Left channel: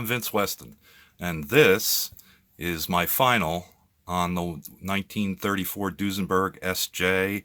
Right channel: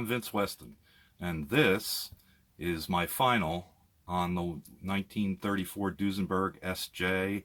I'm Vince Weston, and this is my final on the 1934 Duesenberg SJ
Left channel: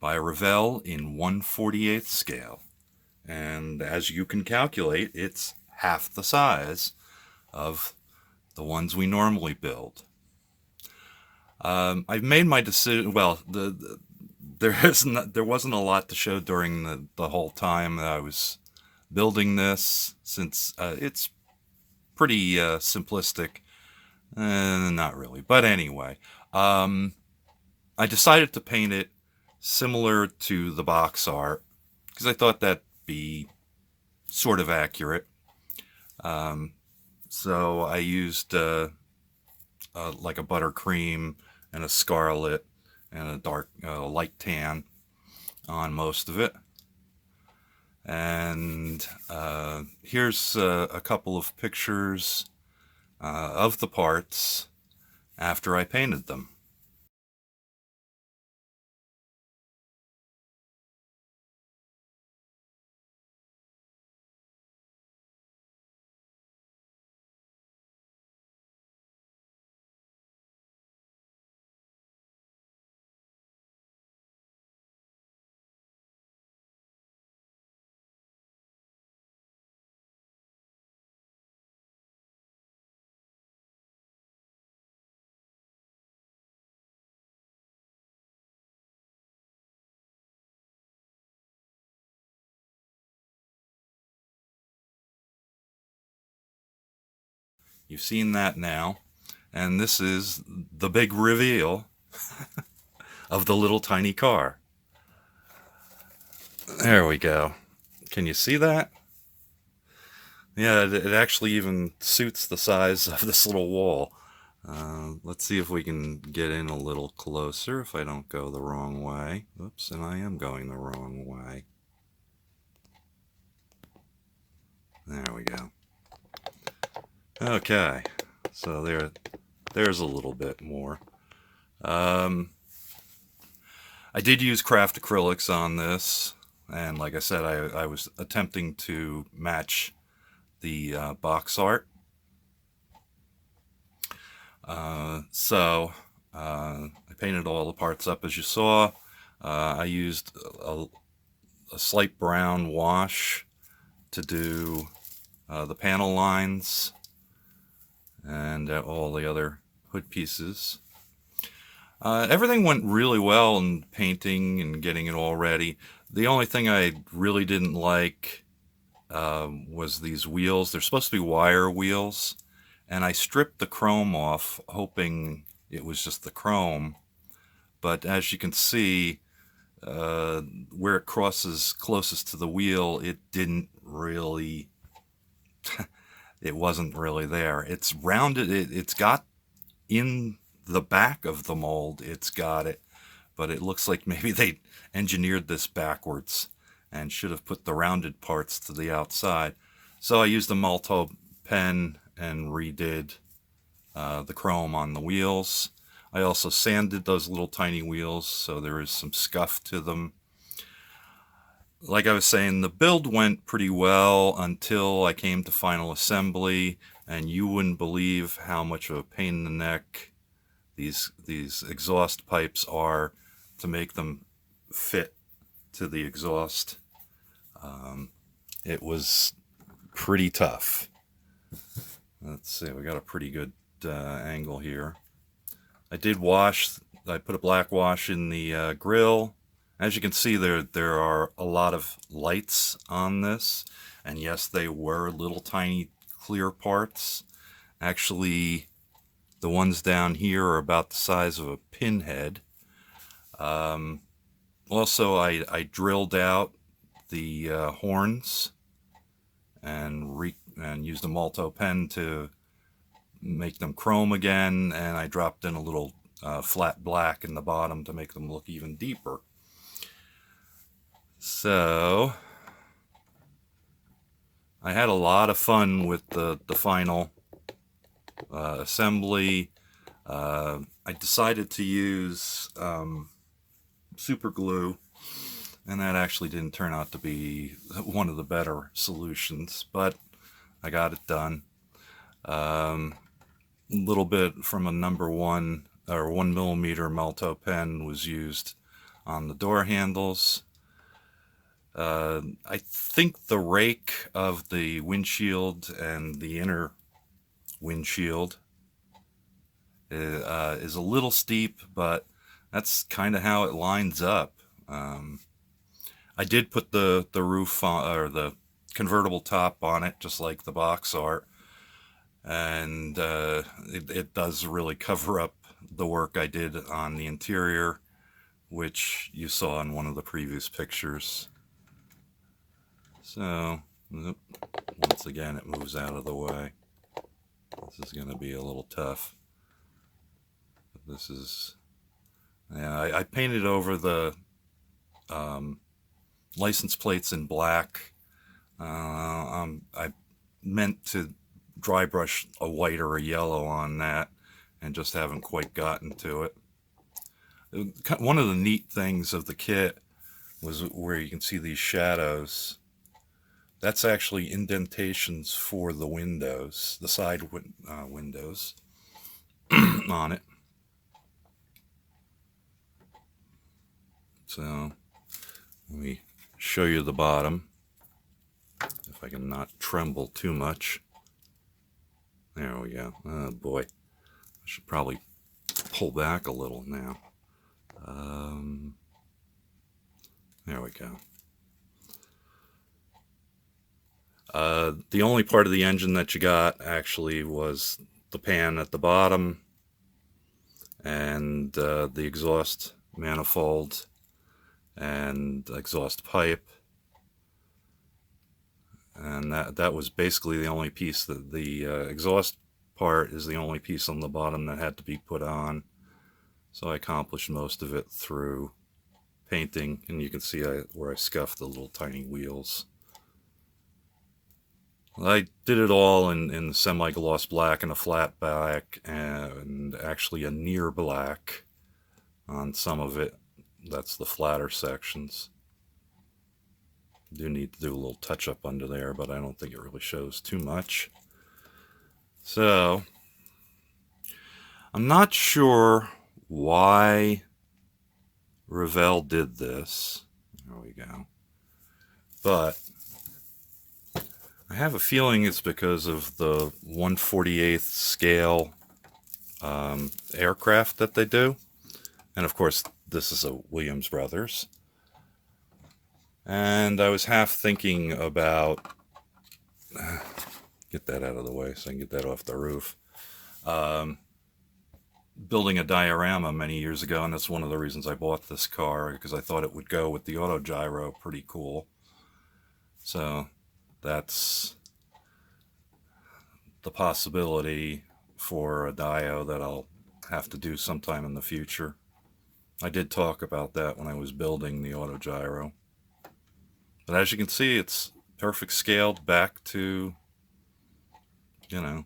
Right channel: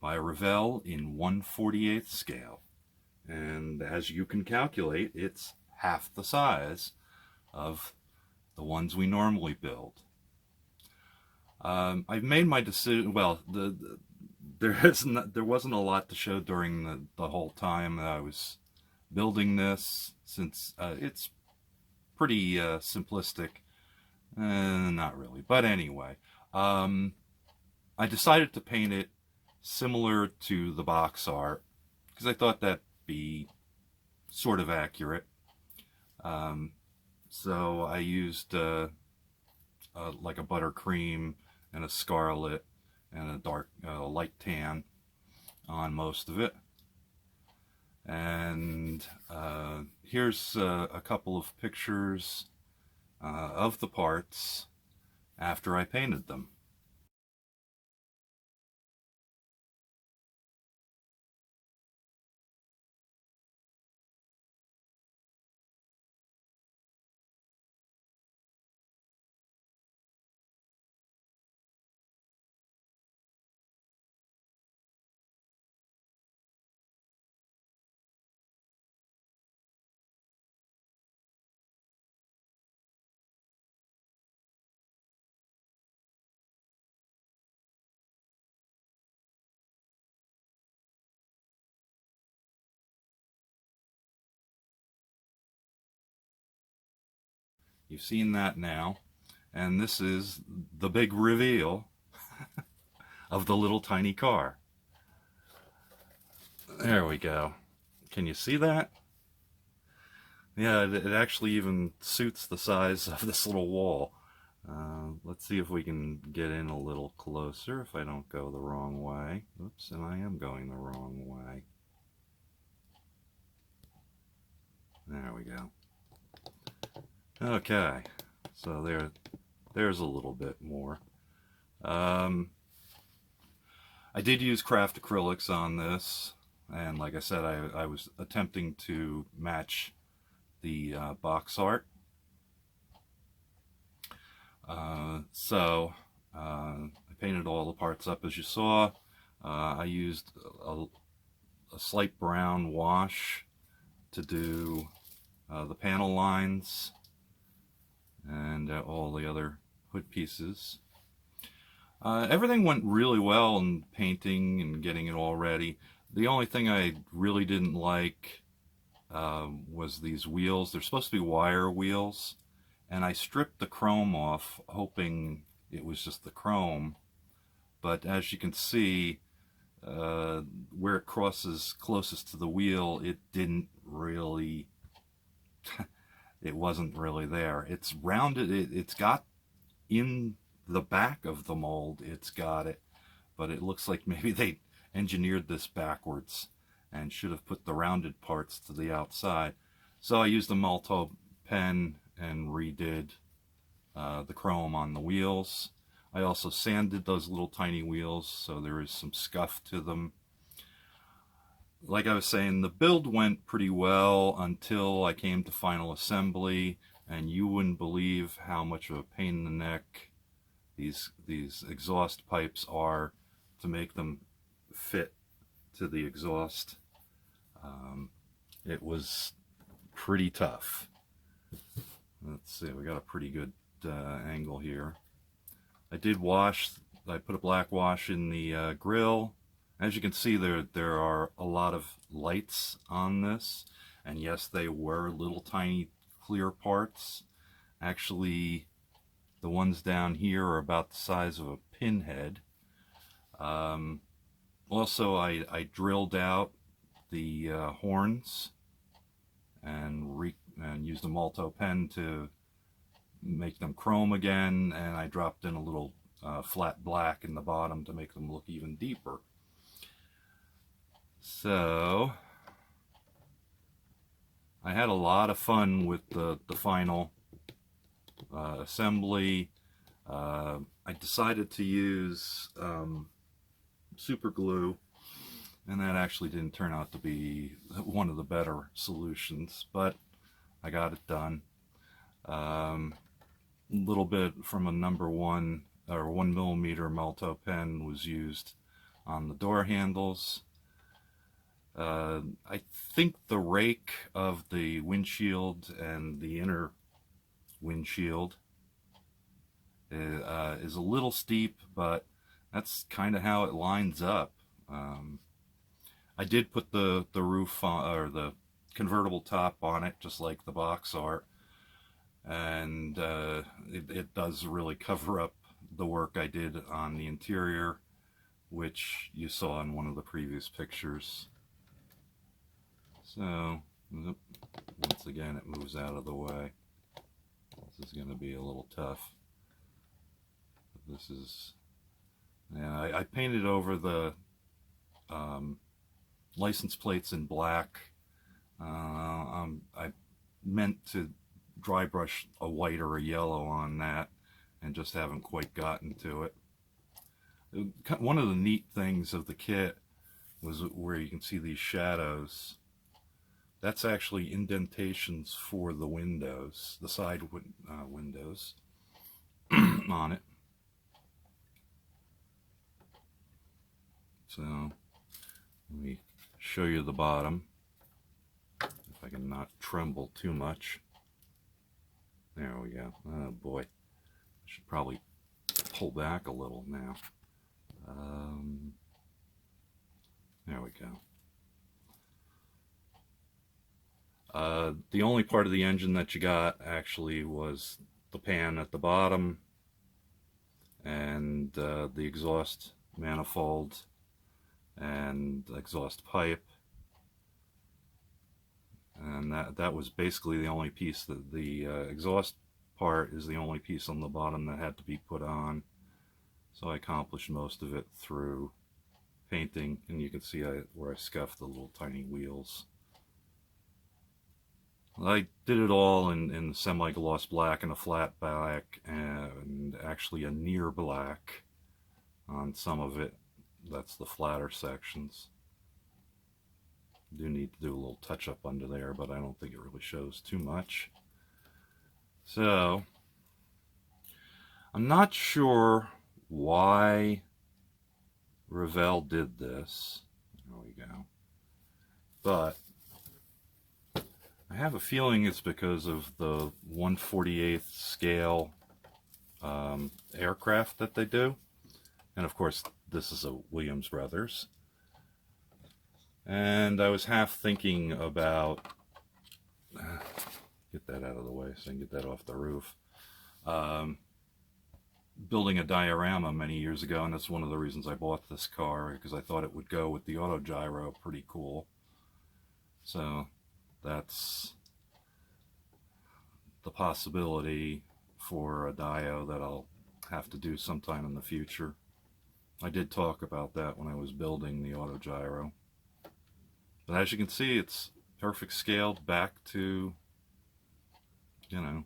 by Ravel in 1/48th scale. And as you can calculate, it's half the size of the ones we normally build. I've made my decision. Well, there wasn't a lot to show during the whole time that I was building this, since it's pretty simplistic. Not really, but anyway, um, I decided to paint it similar to the box art because I thought that'd be sort of accurate. Um, so I used like a buttercream and a scarlet and a dark light tan on most of it. And here's a couple of pictures of the parts after I painted them. You've seen that now, and this is the big reveal of the little tiny car. There we go. Can you see that? Yeah, it actually even suits the size of this little wall. Let's see if we can get in a little closer if I don't go the wrong way. Oops, and I am going the wrong way. There we go. Okay, so there's a little bit more. I did use craft acrylics on this, and like I said, I was attempting to match the box art. I painted all the parts up as you saw. I used a slight brown wash to do the panel lines and all the other hood pieces. Everything went really well in painting and getting it all ready. The only thing I really didn't like was these wheels. They're supposed to be wire wheels, and I stripped the chrome off, hoping it was just the chrome. But as you can see, where it crosses closest to the wheel, it didn't really, it wasn't really there. It's rounded, it's got in the back of the mold, it's got it, but it looks like maybe they engineered this backwards and should have put the rounded parts to the outside. So I used a Malto pen and redid the chrome on the wheels. I also sanded those little tiny wheels, so there is some scuff to them. Like I was saying, the build went pretty well until I came to final assembly, and you wouldn't believe how much of a pain in the neck these exhaust pipes are to make them fit to the exhaust. It was pretty tough. Let's see, we got a pretty good angle here. I did wash, I put a black wash in the grill. As you can see, there are a lot of lights on this, and yes, they were little tiny clear parts. Actually, the ones down here are about the size of a pinhead. Also, I drilled out the horns and used a Malto pen to make them chrome again, and I dropped in a little flat black in the bottom to make them look even deeper. So I had a lot of fun with the final assembly. I decided to use super glue, and that actually didn't turn out to be one of the better solutions, but I got it done. Little bit from a number 1 or 1mm Melto pen was used on the door handles. I think the rake of the windshield and the inner windshield is a little steep, but that's kind of how it lines up. I did put the roof on, or the convertible top on it, just like the box art, and it does really cover up the work I did on the interior, which you saw in one of the previous pictures. So once again, it moves out of the way. This is going to be a little tough. But this is, yeah, I painted over the license plates in black. I meant to dry brush a white or a yellow on that, and just haven't quite gotten to it. One of the neat things of the kit was where you can see these shadows. That's actually indentations for the windows, the side windows on it. So let me show you the bottom, if I can not tremble too much. There we go. Oh boy, I should probably pull back a little now. There we go. The only part of the engine that you got actually was the pan at the bottom and the exhaust manifold and exhaust pipe, and that was basically the only piece. That the exhaust part is the only piece on the bottom that had to be put on, so I accomplished most of it through painting, and you can see where I scuffed the little tiny wheels. I did it all in semi-gloss black and a flat black, and actually a near black on some of it. That's the flatter sections. Do need to do a little touch-up under there, but I don't think it really shows too much. So, I'm not sure why Revell did this. There we go. But I have a feeling it's because of the 1/48 scale aircraft that they do. And of course, this is a Williams Brothers. And I was half thinking about, get that out of the way so I can get that off the roof, building a diorama many years ago, and that's one of the reasons I bought this car, because I thought it would go with the auto gyro pretty cool. So that's the possibility for a dio that I'll have to do sometime in the future. I did talk about that when I was building the auto gyro. But as you can see, it's perfect scaled back to, you know,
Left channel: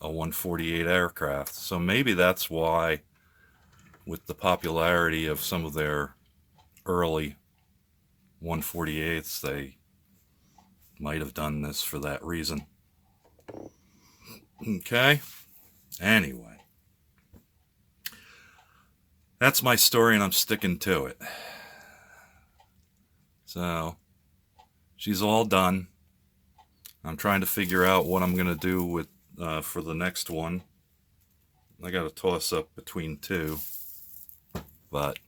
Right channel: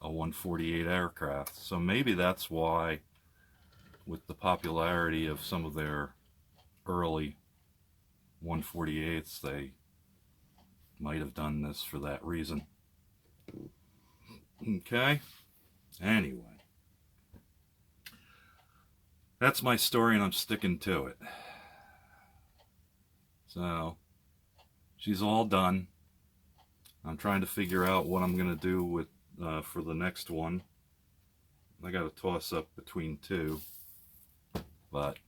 a 1/48 aircraft. So maybe that's why, with the popularity of some of their early 1/48s, they might have done this for that reason. Okay, anyway, that's my story, and I'm sticking to it. So she's all done. I'm trying to figure out what I'm going to do with for the next one. I got to toss up between two, but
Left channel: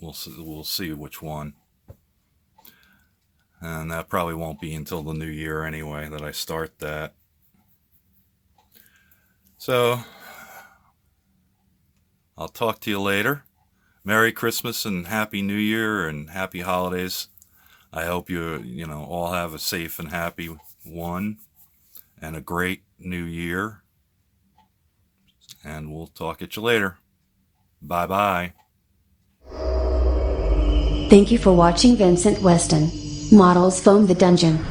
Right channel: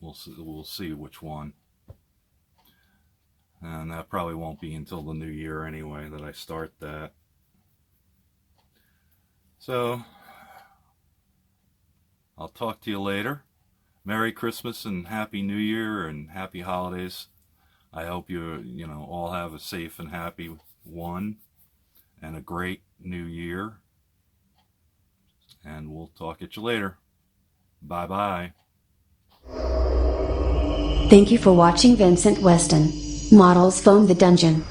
we'll see which one. And that probably won't be until the new year anyway that I start that. So I'll talk to you later. Merry Christmas and Happy New Year and Happy Holidays. I hope you all have a safe and happy one and a great new year. And we'll talk at you later. Bye-bye. Thank you for watching Vincent Weston Models Foam the Dungeon.